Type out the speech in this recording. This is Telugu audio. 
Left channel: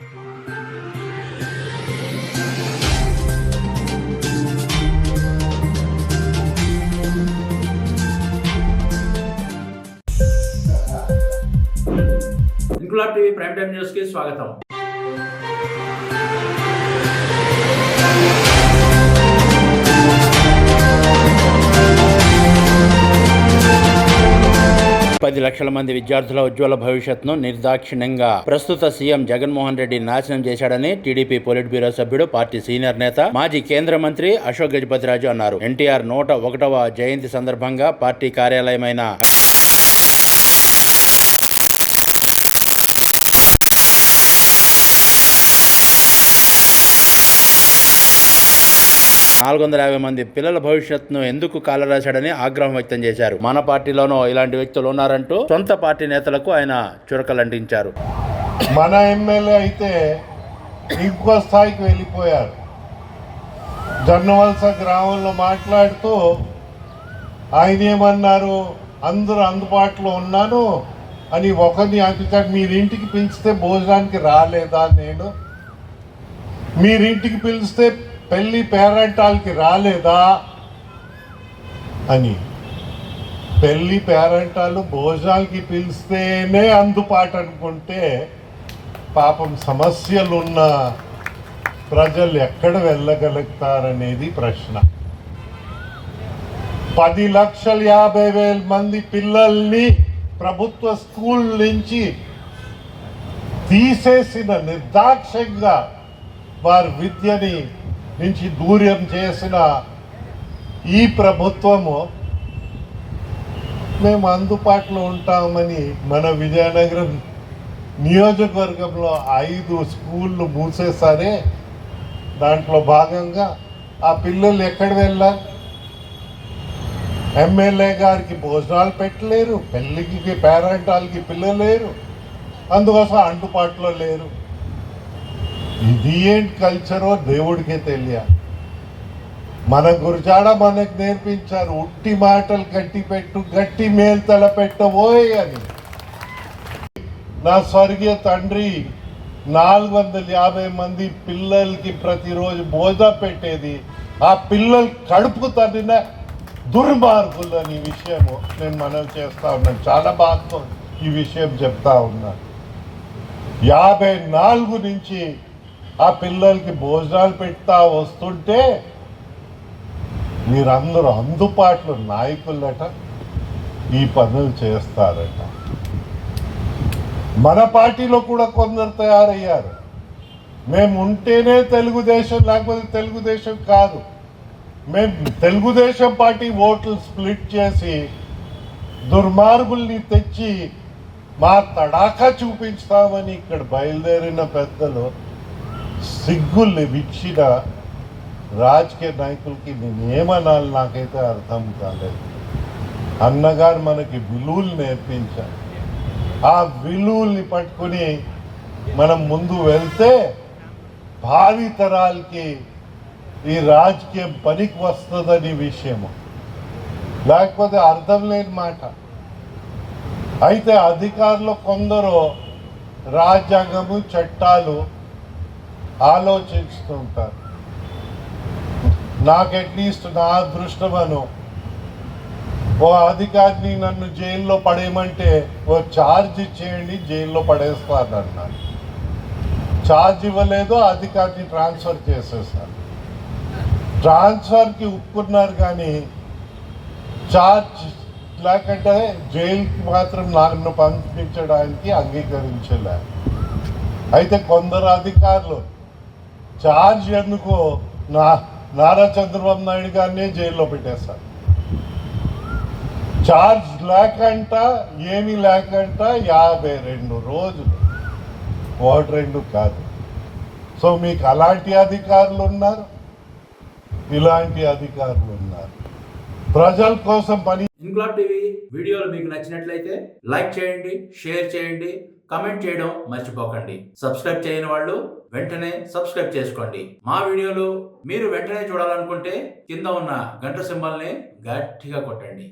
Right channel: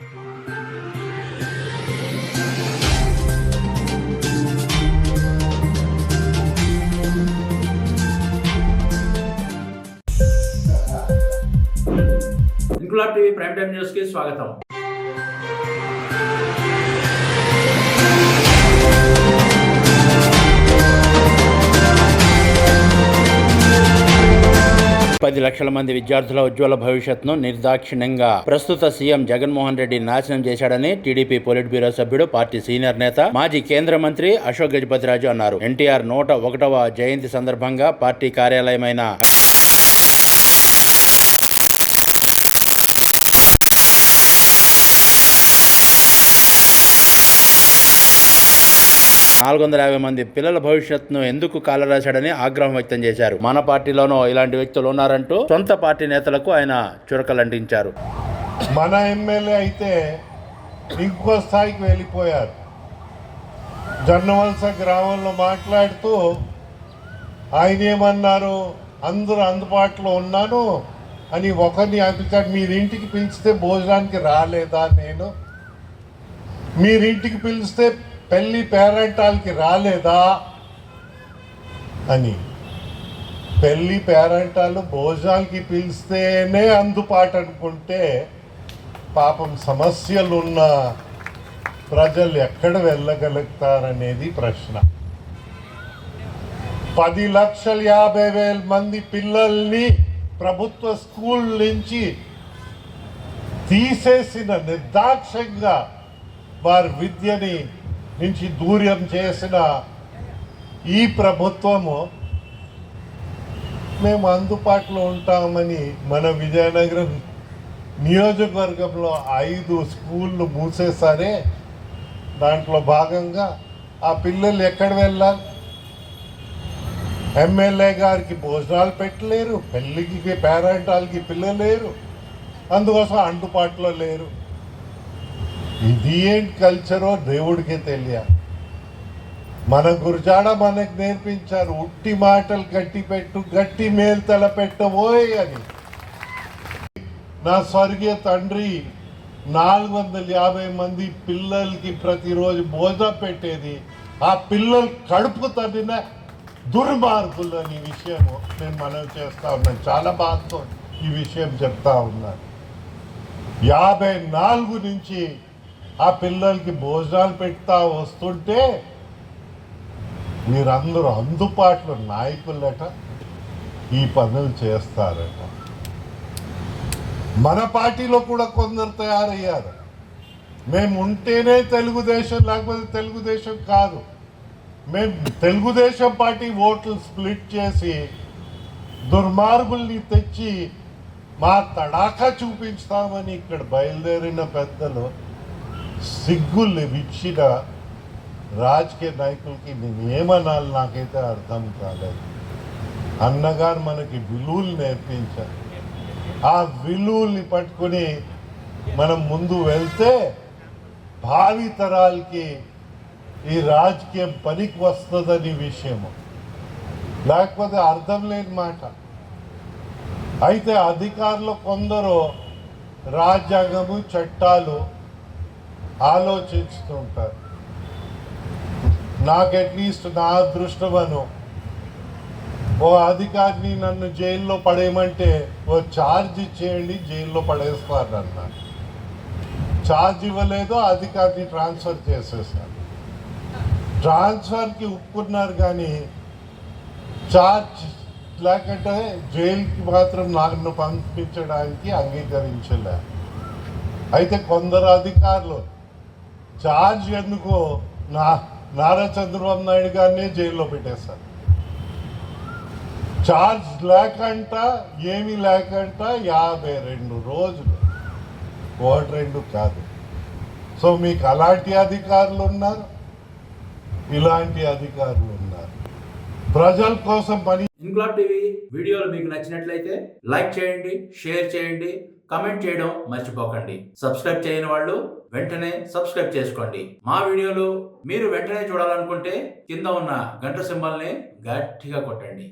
Inquilab TV prime time news కి స్వాగతం. పది లక్షల మంది విద్యార్థుల ఉజ్వల భవిష్యత్తును నిర్దాక్షిణ్యంగా ప్రస్తుత సీఎం జగన్మోహన్ రెడ్డి నాశనం చేశాడని టీడీపీ పొలిట్ బ్యూరో సభ్యుడు, పార్టీ సీనియర్ నేత, మాజీ కేంద్ర మంత్రి అశోక్ గజపతిరాజు అన్నారు. ఎన్టీఆర్ 101వ జయంతి సందర్భంగా పార్టీ కార్యాలయమైన 450 మంది పిల్లల భవిష్యత్తును ఎందుకు కాలరాశాడని ఆగ్రహం వ్యక్తం చేశారు. మన పార్టీలోనూ ఇలాంటి వ్యక్తులు ఉన్నారంటూ సొంత పార్టీ నేతలకు ఆయన చురకలంటించారు. మన ఎమ్మెల్యే అయితే ఇంకో స్థాయికి వెళ్ళిపోయారు. జొన్నవలస గ్రామంలో మాట్లాడుతూ ఆయన ఏమన్నారు, అందరూ అందుబాటులో ఉన్నాను అని ఒకరిని అంటారు. మీరింటికి పిలిస్తే భోజనానికి రాలేదా, నేను మీరింటికి పిలిస్తే పెళ్లి పేరెంటాలకి రాలేదా అని. పెళ్లి పేరెంటాలు భోజనాలకి పిలిస్తేనే అందుబాటు అనుకుంటే పాపం సమస్యలున్న ప్రజలు ఎక్కడ వెళ్ళగలుగుతారనేది ప్రశ్న. 10,50,000 మంది పిల్లల్ని ప్రభుత్వ స్కూల్ నుంచి తీసేసిన, నిర్దాక్ష్యంగా వారి విద్యని నుంచి దూరం చేసిన ఈ ప్రభుత్వము మేము అందుబాటులో ఉంటామని మన విజయనగరం నియోజకవర్గంలో 5 స్కూళ్ళు మూసేసారే. దాంట్లో భాగంగా ఆ పిల్లలు ఎక్కడ వెళ్ళారు? ఎమ్మెల్యే గారికి భోజనాలు పెట్టలేరు, పెళ్ళికి పేరెంటాలకి పిల్లలు లేరు, అందుకోసం అందుబాటులో లేరు. ఇది ఏంటి కల్చరో దేవుడికే తెలియాలి. మన గురజాడ మనకు నేర్పించారు, ఉట్టి మాటలు గట్టి పెట్టు, గట్టి మేలు తలపెట్టబోయ్ అని. నా స్వర్గీయ తండ్రి 450 మంది పిల్లలకి ప్రతిరోజు భోజనం పెట్టేది, ఆ పిల్లలు కడుపు తన్నిన దుర్మార్గులు అని విషయము నేను మనవి చేస్తా ఉన్నాను. చాలా బాధతో ఈ విషయం చెప్తా ఉన్నాను. 54 నుంచి ఆ పిల్లలకి భోజనాలు పెడతా వస్తుంటే మీరందరూ అందుబాటులో నాయకులట ఈ పనులు చేస్తారట. మన పార్టీలో కూడా కొందరు తయారయ్యారు. మేము ఉంటేనే తెలుగుదేశం, లేకపోతే తెలుగుదేశం కాదు. మేము తెలుగుదేశం పార్టీ ఓట్లు స్ప్లిట్ చేసి దుర్మార్గుల్ని తెచ్చి మా తడాకా చూపించుతామని ఇక్కడ బయలుదేరిన పెద్దలు, సిగ్గుల్ని విచ్చిన రాజకీయ నాయకులకి నేను ఏమనాలి నాకైతే అర్థం కాలేదు. అన్నగారు మనకి విలువలు నేర్పించారు. ఆ విలువల్ని పట్టుకుని మనం ముందు వెళ్తే భావి తరాలకి ఈ రాజకీయం పనికి వస్తుందని విషయము, లేకపోతే అర్థం లేని మాట. అయితే అధికారులు కొందరు రాజ్యాంగము, చట్టాలు ఆలోచిస్తుంటారు. నాకు అట్లీస్ట్ నా అదృష్టమను ఓ అధికారిని నన్ను జైల్లో పడేయమంటే ఓ ఛార్జ్ ఇచ్చేయండి, జైల్లో పడేస్తారన్నారు. ఛార్జ్ ఇవ్వలేదు, అధికారిని ట్రాన్స్ఫర్ చేసేసారు. ట్రాన్స్ఫర్కి ఒప్పుకున్నారు కానీ ఛార్జ్ లేకంటే జైలుకి మాత్రం నన్ను పంపించడానికి అంగీకరించలేదు. అయితే కొందరు అధికారులు ఛార్జ్ ఎందుకు నారా చంద్రబాబు నాయుడు గారిని జైల్లో పెట్టేశారు. ఛార్జ్ లేకంట, ఏమీ లేకంట 52 రోజులు, 1-2 కాదు. సో మీకు అలాంటి అధికారులు ఉన్నారు, ఇలాంటి అధికారులు ఉన్నారు. ప్రజల కోసం పని. ఇంక్లాబ్ టీవీ వీడియోలు మీకు నచ్చినట్లయితే లైక్ చేయండి, షేర్ చేయండి, కమెంట్ చేయడం మర్చిపోకండి. సబ్స్క్రైబ్ చేయని వాళ్ళు వెంటనే సబ్స్క్రైబ్ చేసుకోండి. మా వీడియోలు మీరు వెంటనే చూడాలనుకుంటే కింద ఉన్న గంట సింబల్ని గట్టిగా కొట్టండి.